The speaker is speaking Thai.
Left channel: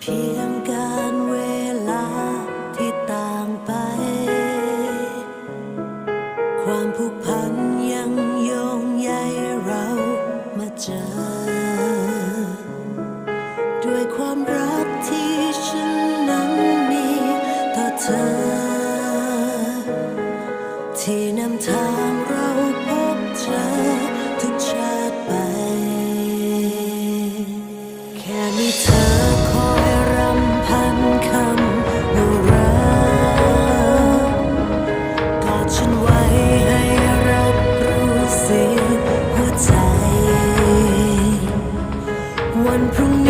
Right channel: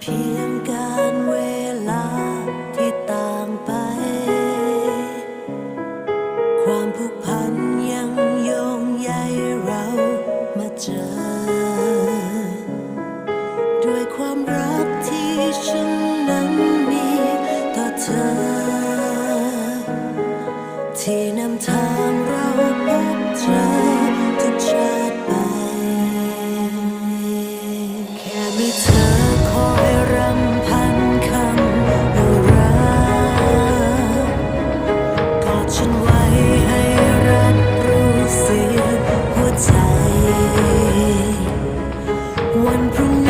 เพียงการเวลาที่ต่างไป ความผูกพันยังโยงใยเรามาเจอ ด้วยความรักที่ฉันนั้นมีต่อเธอ ที่นำทางเราพบเจอทุกชาติไป มีเธอคอยรำพันคำว่ารักกอดฉันไว้ให้รับรู้เสียงหัวใจ วันพรุ่งนี้